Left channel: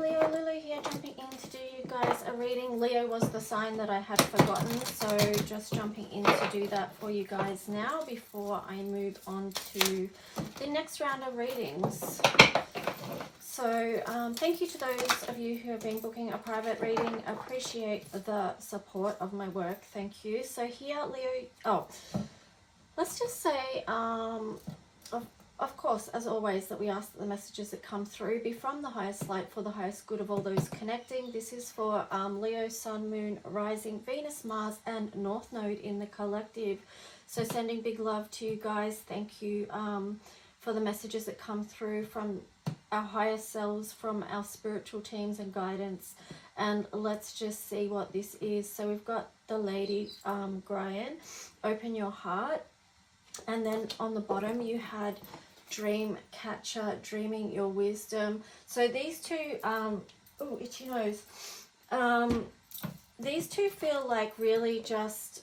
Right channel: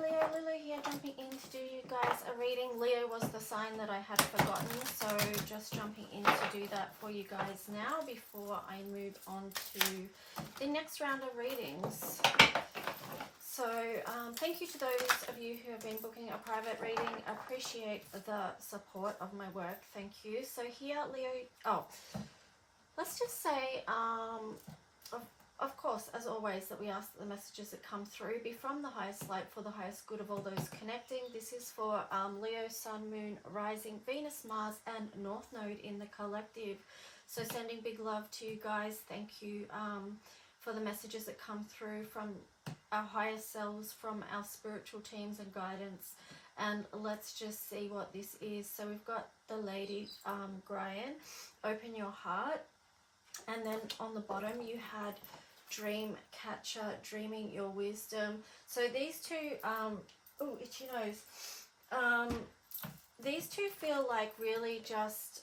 Leo, Lily here, jumping in to do you guys a reading. Leo was the sign that I had forgotten, so just jumping in to do that for you guys now before I move on to the next round of readings. So thank you to those of you who have been booking a private reading. Appreciate the support of my work. Thank you. So here, Leo, let's just say, of course, as always, that we ask that the messages that come through be from the highest light for the highest good of all those connecting. This is for Leo, Sun, Moon, Rising, Venus, Mars, and North Node in the collective. So sending big love to you guys. Thank you for the messages that come through from our higher selves, from our spiritual teams and guidance. And let's just see what this is. So we've got the Lady Brian, open your heart. And then on the bottom you had Dream Catcher, dreaming your wisdom. So these two, oh, itchy nose. These two feel like really just,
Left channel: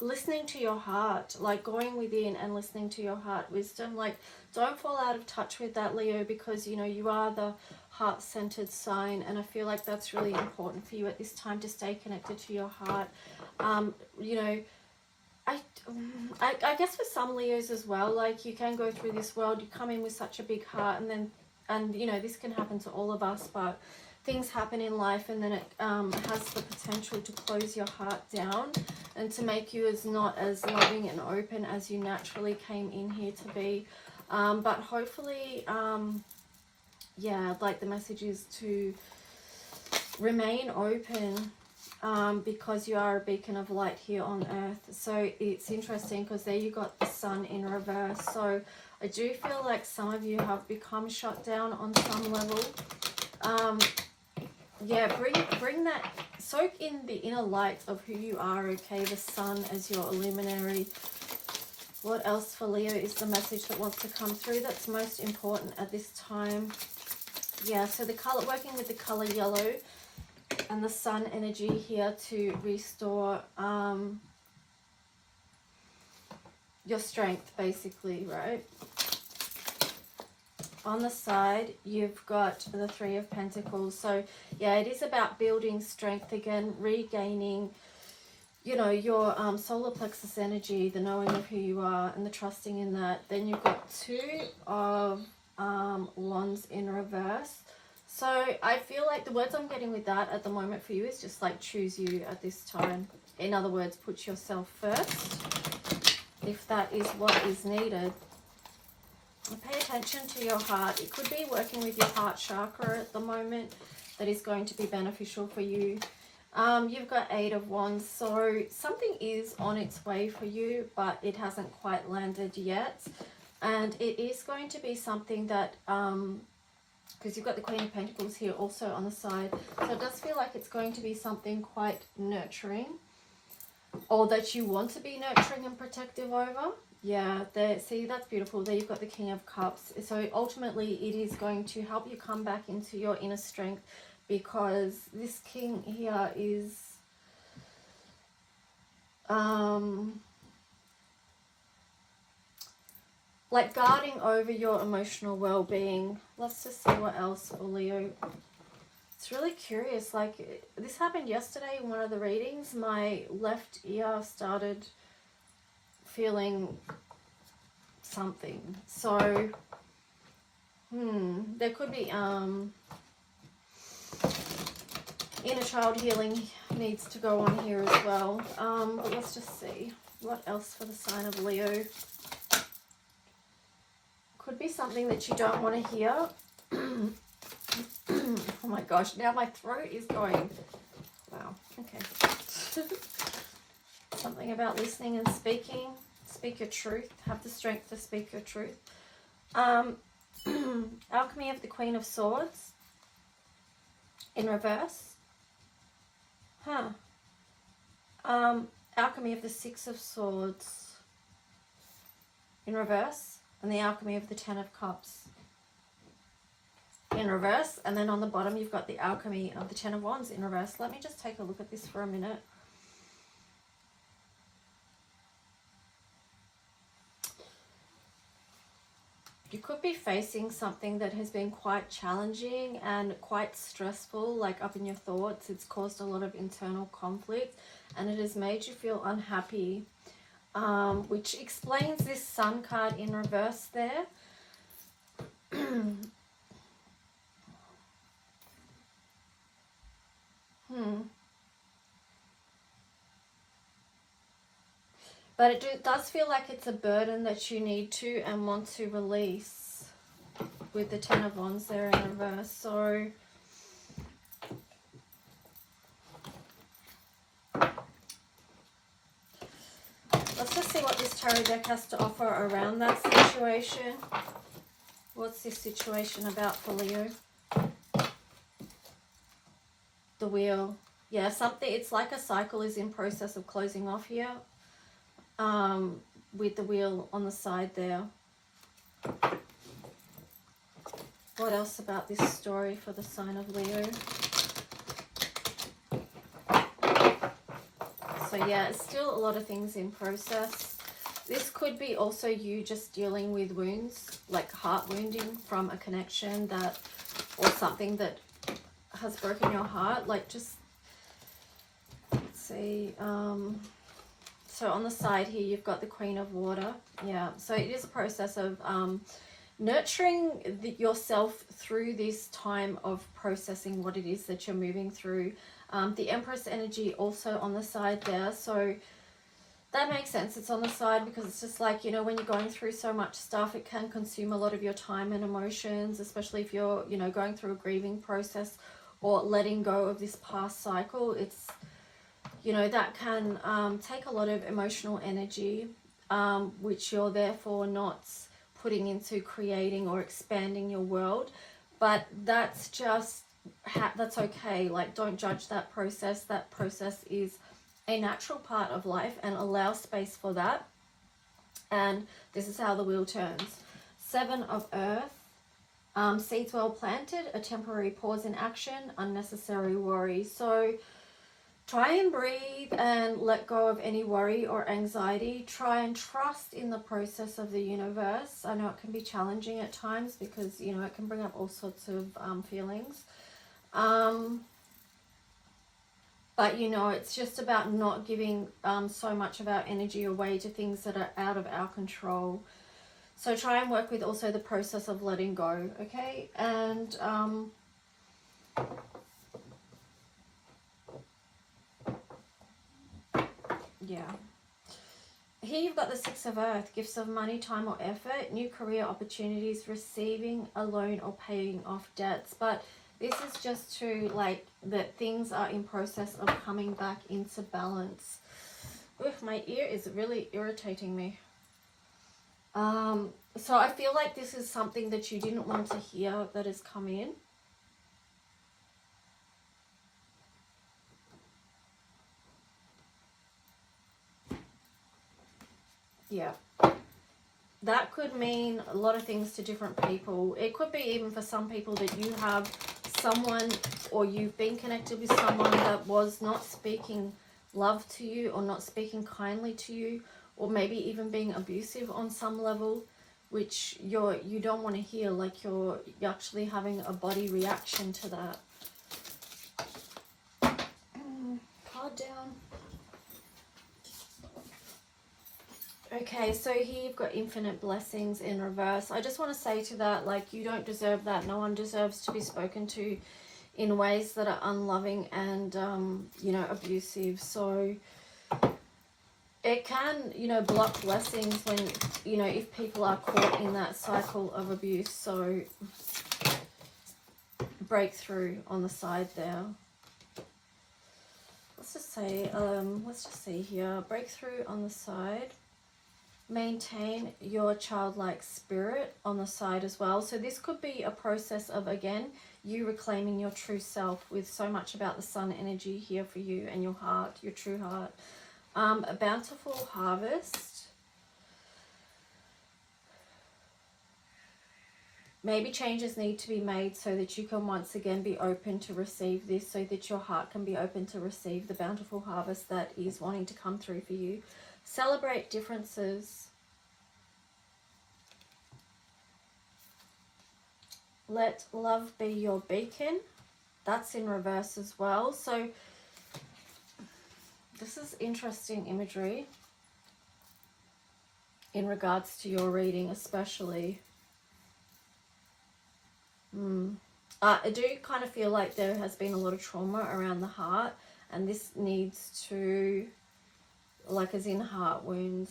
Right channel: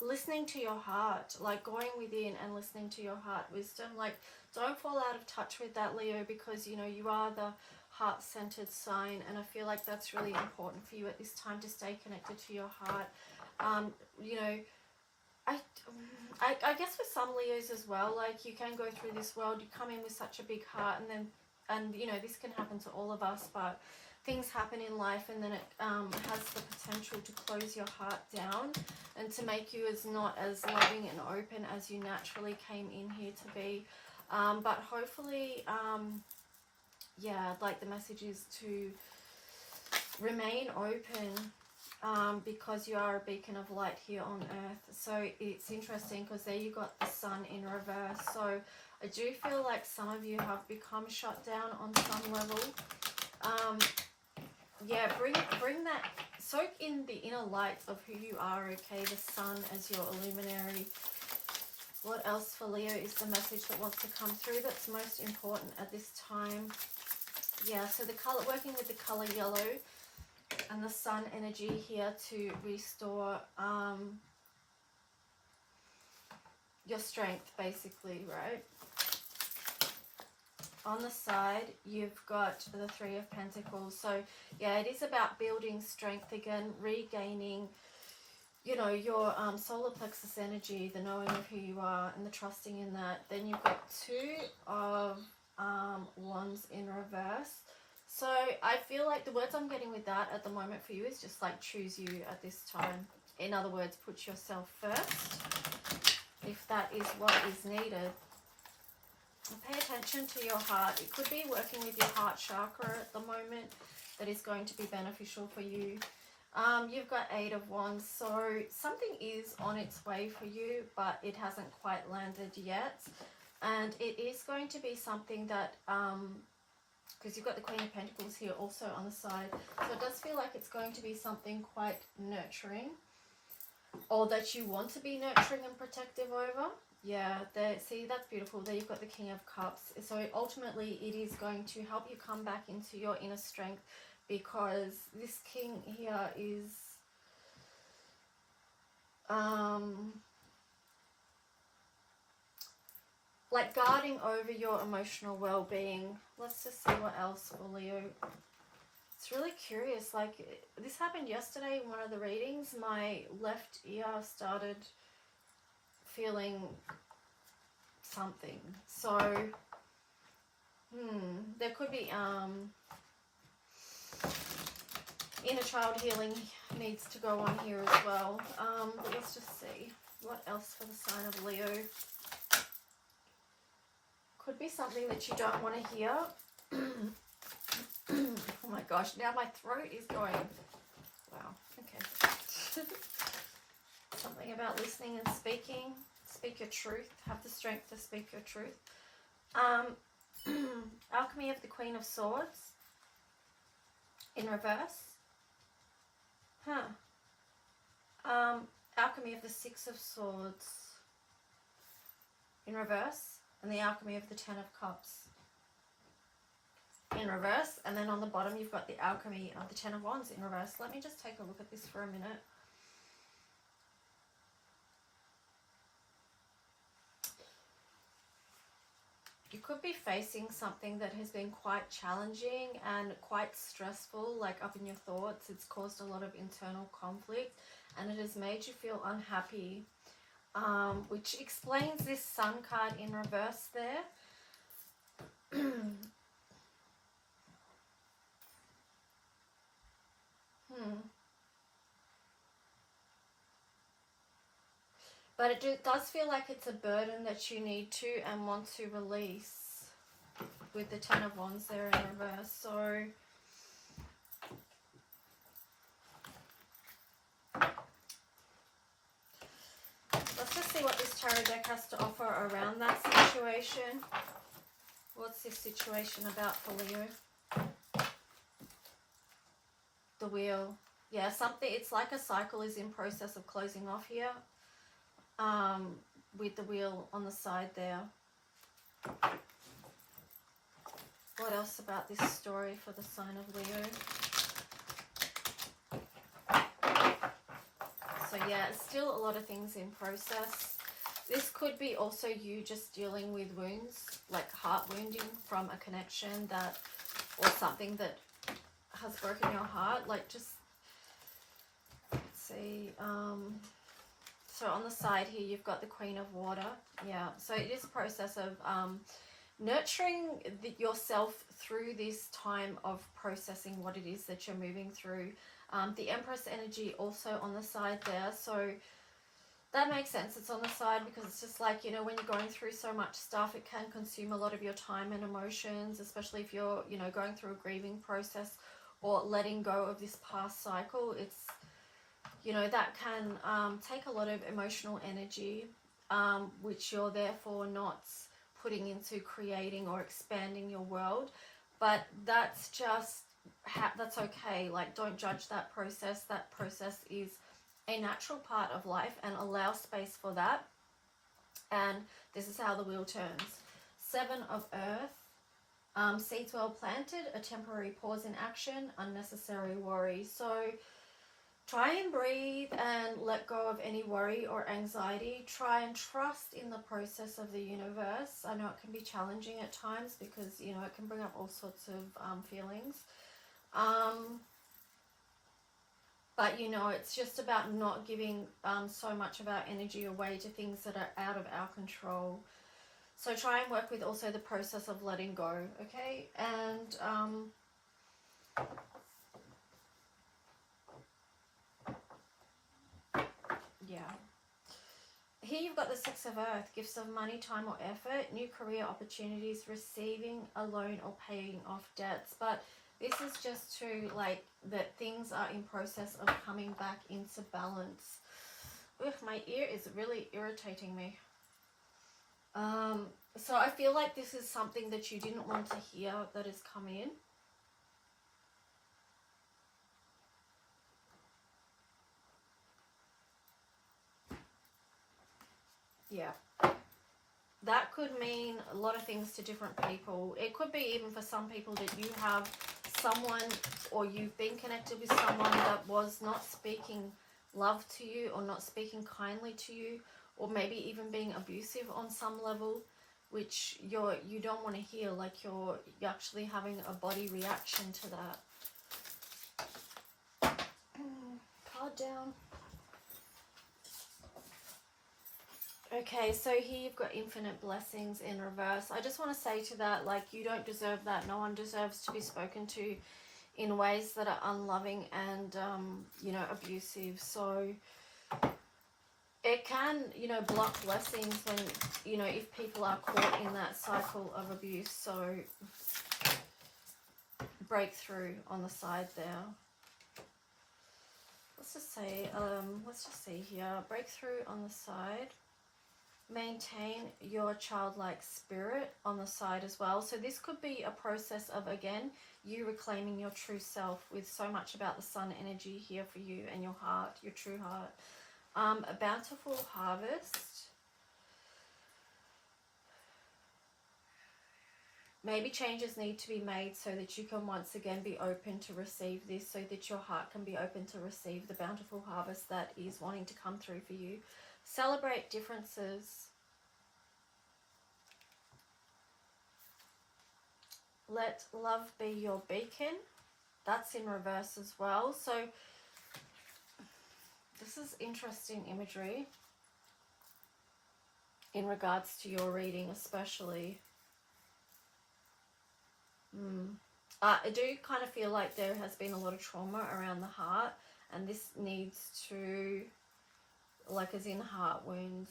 listening to your heart, like going within and listening to your heart wisdom. Like, don't fall out of touch with that, Leo, because, you know, you are the heart-centered sign, and I feel like that's really important for you at this time, to stay connected to your heart. You know, I guess for some Leos as well, like, you can go through this world, you come in with such a big heart, and you know, this can happen to all of us, but things happen in life, and then it has the potential to close your heart down and to make you not as loving and open as you naturally came in here to be. But hopefully, yeah, like, the message is to remain open, because you are a beacon of light here on earth. So it's interesting because there you got the Sun in reverse. So I do feel like some of you have become shut down on some level. Yeah, bring that, soak in the inner light of who you are, okay? The Sun as your illuminary. What else for Leo is the message that wants to come through that's most important at this time? Yeah, so the color, working with the color yellow and the Sun energy here to restore your strength, basically, right? On the side, you've got the Three of Pentacles. So, yeah, it is about building strength again, regaining, you know, your solar plexus energy, the knowing of who you are and the trusting in that. Then you've got Two of Wands in reverse. So I feel like the words I'm getting with that at the moment for you is just like, choose you at this time. In other words, put yourself first, if that is what is needed. Pay attention to your heart. It could be working with your heart chakra at the moment that is going to be beneficial for you. You've got Eight of Wands, so something is on its way for you, but it hasn't quite landed yet. And it is going to be something that, because you've got the Queen of Pentacles here also on the side, so it does feel like it's going to be something quite nurturing, or that you want to be nurturing and protective over. Yeah, there, see, that's beautiful. There you've got the King of Cups. So ultimately it is going to help you come back into your inner strength, because this King here is like guarding over your emotional well-being. Let's just see what else for Leo. It's really curious. Like, this happened yesterday in one of the readings. My left ear started feeling something. So, there could be inner child healing needs to go on here as well. But let's just see what else for the sign of Leo. Could be something that you don't want to hear. Oh my gosh, now my throat is going. Wow, okay. Something about listening and speaking. Speak your truth. Have the strength to speak your truth. Alchemy of the Queen of Swords in reverse. Alchemy of the Six of Swords in reverse. And the Alchemy of the Ten of Cups in reverse. And then on the bottom you've got the Alchemy of the Ten of Wands in reverse. Let me just take a look at this for a minute. You could be facing something that has been quite challenging and quite stressful, like up in your thoughts. It's caused a lot of internal conflict and it has made you feel unhappy, which explains this Sun card in reverse there. But it does feel like it's a burden that you need to and want to release with the Ten of Wands there in reverse. So let's just see what this tarot deck has to offer around that situation. What's this situation about for Leo? The Wheel. Yeah, something, it's like a cycle is in process of closing off here. With the Wheel on the side there. What else about this story for the sign of Leo? So yeah, it's still a lot of things in process. This could be also you just dealing with wounds, like heart wounding from a connection that, or something that has broken your heart. Like just, let's see, so on the side here, you've got the Queen of Water. Yeah, so it is a process of nurturing yourself through this time of processing what it is that you're moving through. The Empress energy also on the side there. So that makes sense. It's on the side because it's just like, you know, when you're going through so much stuff, it can consume a lot of your time and emotions, especially if you're, you know, going through a grieving process or letting go of this past cycle. It's, you know, that can take a lot of emotional energy, which you're therefore not putting into creating or expanding your world. But that's just, that's okay. Like, don't judge that process. That process is a natural part of life and allow space for that. And this is how the wheel turns. Seven of Earth, seeds well planted, a temporary pause in action, unnecessary worry. So try and breathe and let go of any worry or anxiety. Try and trust in the process of the universe. I know it can be challenging at times because, you know, it can bring up all sorts of feelings. But, you know, it's just about not giving so much of our energy away to things that are out of our control. So try and work with also the process of letting go, okay? And yeah. Here you've got the Six of Earth, gifts of money, time or effort, new career opportunities, receiving a loan or paying off debts. But this is just to, like, that things are in process of coming back into balance. Oof, my ear is really irritating me. So I feel like this is something that you didn't want to hear that has come in. Yeah. That could mean a lot of things to different people. It could be even for some people that you have someone, or you've been connected with someone that was not speaking love to you or not speaking kindly to you, or maybe even being abusive on some level, which you don't want to hear. Like you're actually having a body reaction to that. Card down. Okay, so here you've got infinite blessings in reverse. I just want to say to that, like, you don't deserve that. No one deserves to be spoken to in ways that are unloving and, you know, abusive. So it can, you know, block blessings when, you know, if people are caught in that cycle of abuse. So breakthrough on the side there. Let's just say, let's just see here. Breakthrough on the side. Maintain your childlike spirit on the side as well. So this could be a process of, again, you reclaiming your true self, with so much about the sun energy here for you and your heart, your true heart. A bountiful harvest. Maybe changes need to be made so that you can once again be open to receive this, so that your heart can be open to receive the bountiful harvest that is wanting to come through for you. Celebrate differences. let love be your beacon. That's in reverse as well. So this is interesting imagery in regards to your reading, especially. I do kind of feel like there has been a lot of trauma around the heart, and this needs to, like as in heart wounds.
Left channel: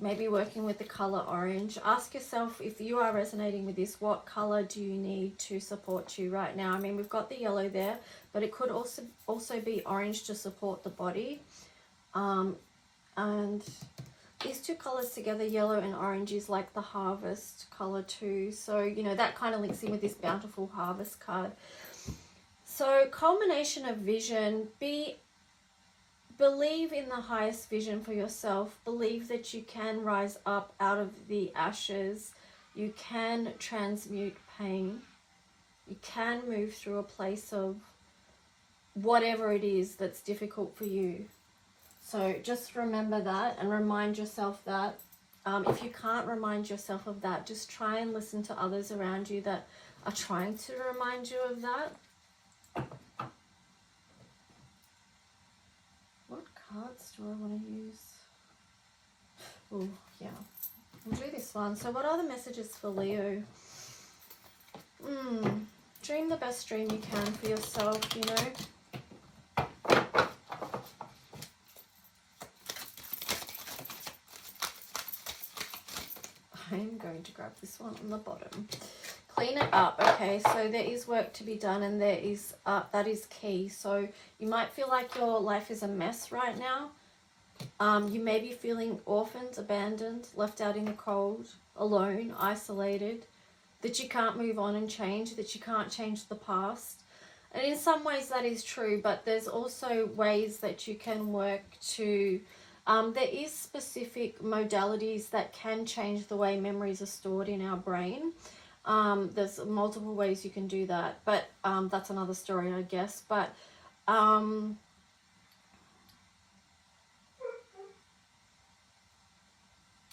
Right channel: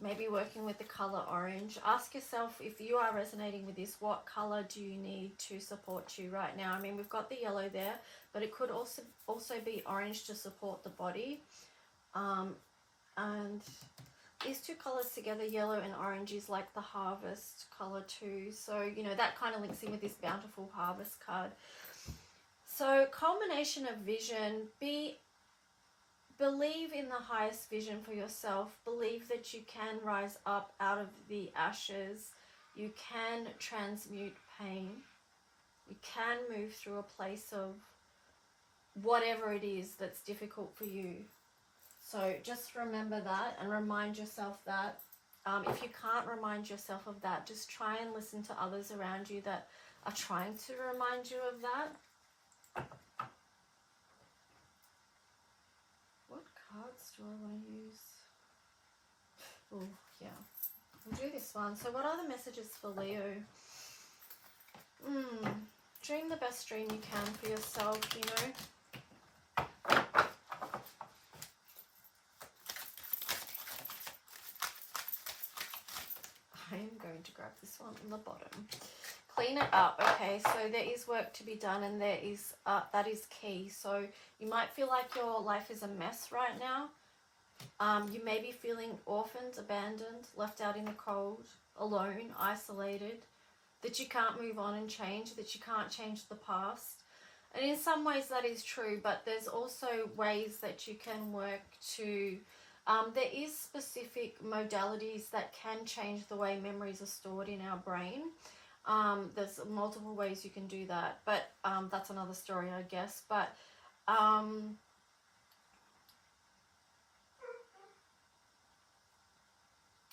Maybe working with the color orange. Ask yourself, if you are resonating with this, what color do you need to support you right now? I mean, we've got the yellow there, but it could also be orange to support the body. And these two colors together, yellow and orange, is like the harvest color too. So, you know, that kind of links in with this bountiful harvest card. So, culmination of vision. Believe in the highest vision for yourself. Believe that you can rise up out of the ashes. You can transmute pain. You can move through a place of whatever it is that's difficult for you. So just remember that and remind yourself that. If you can't remind yourself of that, just try and listen to others around you that are trying to remind you of that. What cards do I want to use? Oh, yeah. We'll do this one. So what are the messages for Leo? Dream the best dream you can for yourself, you know. I am going to grab this one on the bottom. Clean it up. Okay, so there is work to be done, and there is that is key. So you might feel like your life is a mess right now. You may be feeling orphaned, abandoned, left out in the cold, alone, isolated, that you can't move on and change, that you can't change the past. And in some ways that is true, but there's also ways that you can work to there is specific modalities that can change the way memories are stored in our brain. There's multiple ways you can do that, but that's another story, I guess. But and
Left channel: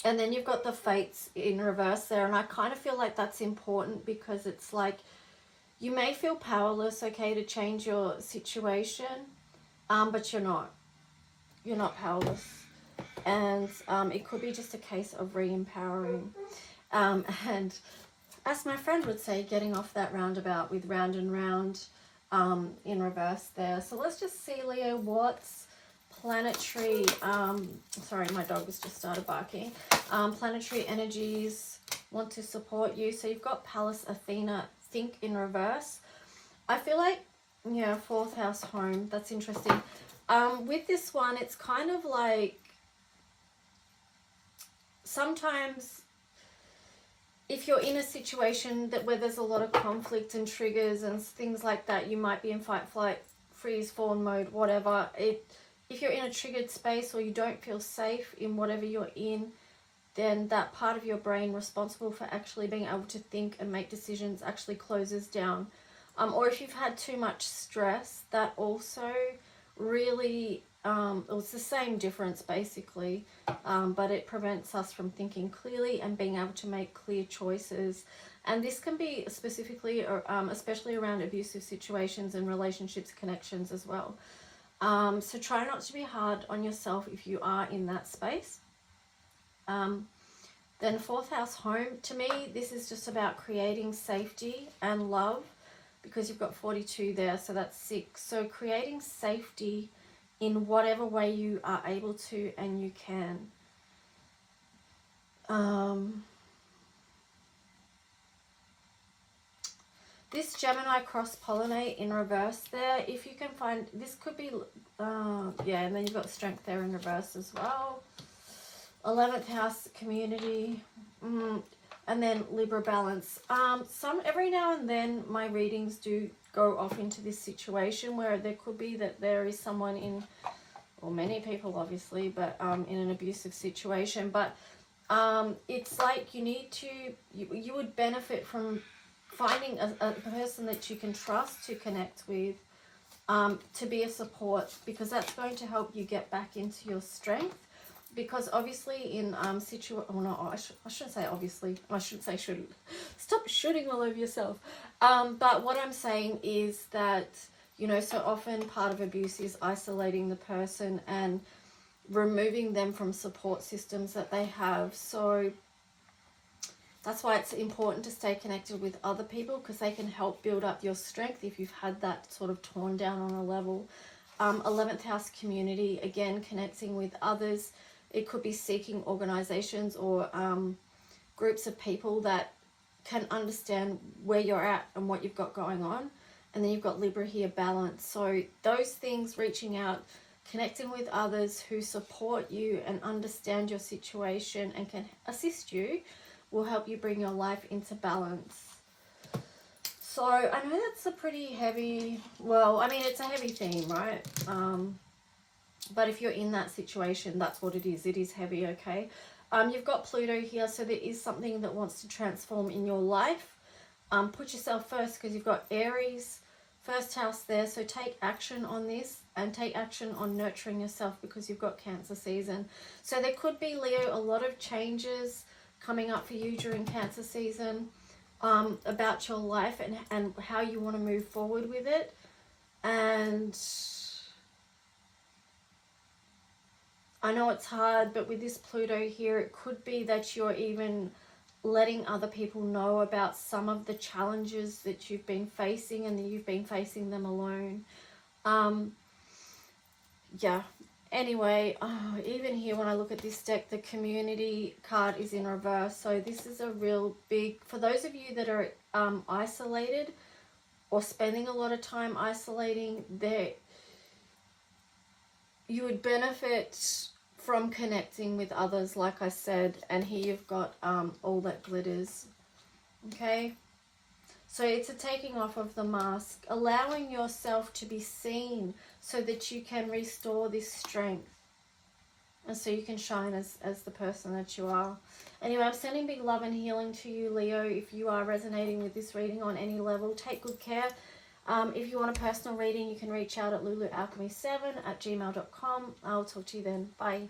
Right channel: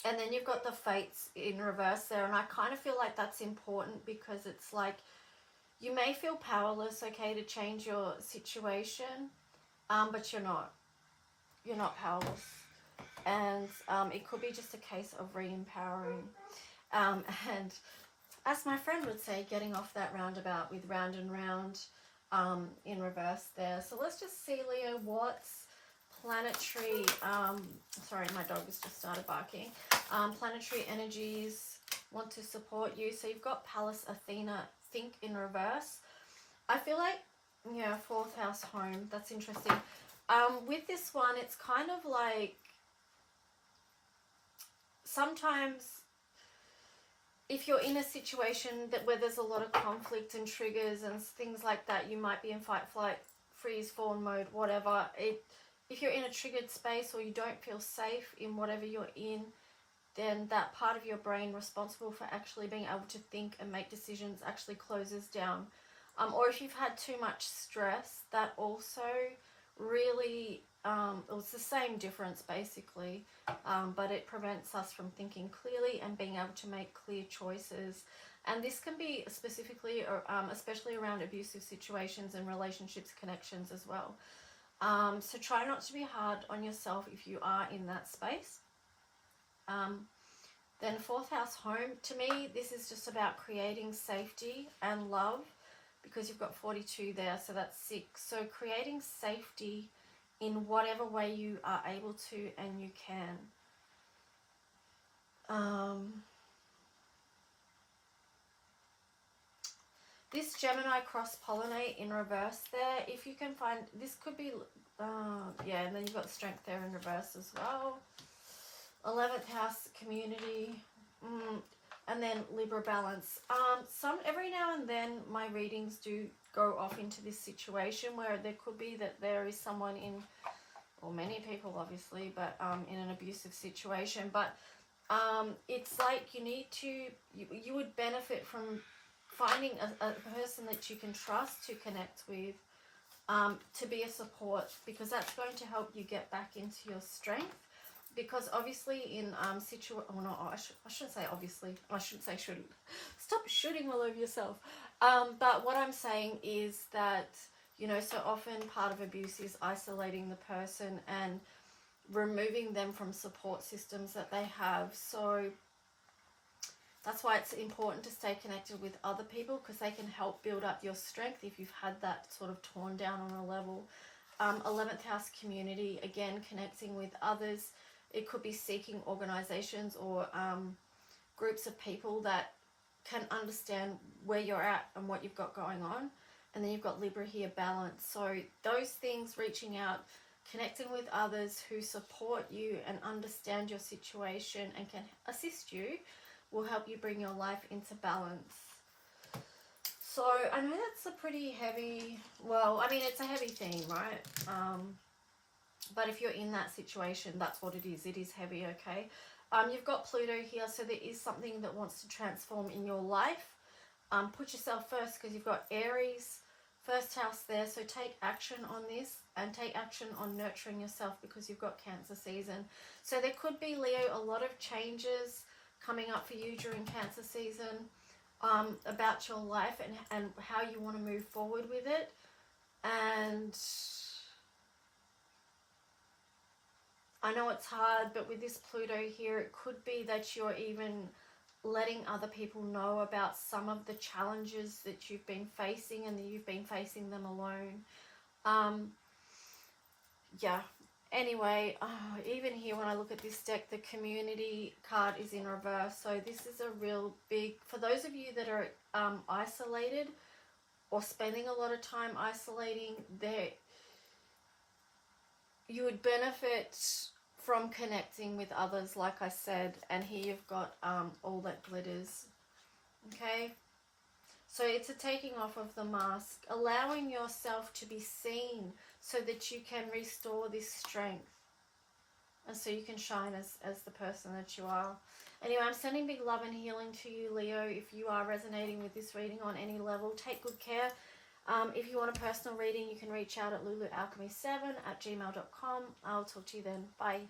then you've got the fates in reverse there, and I kind of feel like that's important because it's like you may feel powerless, okay, to change your situation, but you're not. You're not powerless. And it could be just a case of re-empowering. And as my friend would say, getting off that roundabout with round and round in reverse there. So let's just see, Leo, what's planetary, sorry, my dog has just started barking. Planetary energies want to support you. So you've got Pallas, Athena, think in reverse. I feel like, yeah, 4th house home, that's interesting. With this one, it's kind of like, sometimes if you're in a situation where there's a lot of conflict and triggers and things like that, you might be in fight, flight, freeze, fawn mode, whatever. If you're in a triggered space or you don't feel safe in whatever you're in, then that part of your brain responsible for actually being able to think and make decisions actually closes down. Or if you've had too much stress, that also really, it's the same difference basically, but it prevents us from thinking clearly and being able to make clear choices. And this can be specifically, especially around abusive situations and relationships, connections as well. So try not to be hard on yourself if you are in that space. Then 4th house home, to me, this is just about creating safety and love, because you've got 42 there, so that's 6. So creating safety in whatever way you are able to and you can. This Gemini cross-pollinate in reverse there, if you can find, this could be, yeah, and then you've got strength there in reverse as well. 11th house, community, and then Libra balance. Every now and then my readings do go off into this situation where there could be that there is someone in, or many people obviously, but in an abusive situation. But it's like you need to, you would benefit from finding a person that you can trust to connect with, to be a support, because that's going to help you get back into your strength. because obviously in I shouldn't say obviously, I shouldn't say shouldn't. Stop shooting all over yourself. But what I'm saying is that, you know, so often part of abuse is isolating the person and removing them from support systems that they have. So that's why it's important to stay connected with other people, because they can help build up your strength if you've had that sort of torn down on a level. 11th house community, again, connecting with others. It could be seeking organizations or groups of people that can understand where you're at and what you've got going on. And then you've got Libra here, balance. So those things, reaching out, connecting with others who support you and understand your situation and can assist you, will help you bring your life into balance. So I know that's a pretty heavy, well, I mean, it's a heavy theme, right? But if you're in that situation, that's what it is. It is heavy, okay? You've got Pluto here, so there is something that wants to transform in your life. Put yourself first, because you've got Aries, first house there. So take action on this and take action on nurturing yourself, because you've got Cancer season. So there could be, Leo, a lot of changes coming up for you during Cancer season, about your life and how you want to move forward with it. And I know it's hard, but with this Pluto here, it could be that you're even letting other people know about some of the challenges that you've been facing, and that you've been facing them alone. Yeah. Anyway, even here when I look at this deck, the community card is in reverse. So this is a real big, for those of you that are isolated or spending a lot of time isolating, you would benefit from connecting with others, like I said. And here you've got all that glitters. Okay. So it's a taking off of the mask, allowing yourself to be seen so that you can restore this strength and so you can shine as the person that you are. Anyway, I'm sending big love and healing to you, Leo. If you are resonating with this reading on any level, take good care. If you want a personal reading, you can reach out at lulualchemy7@gmail.com. I'll talk to you then. Bye.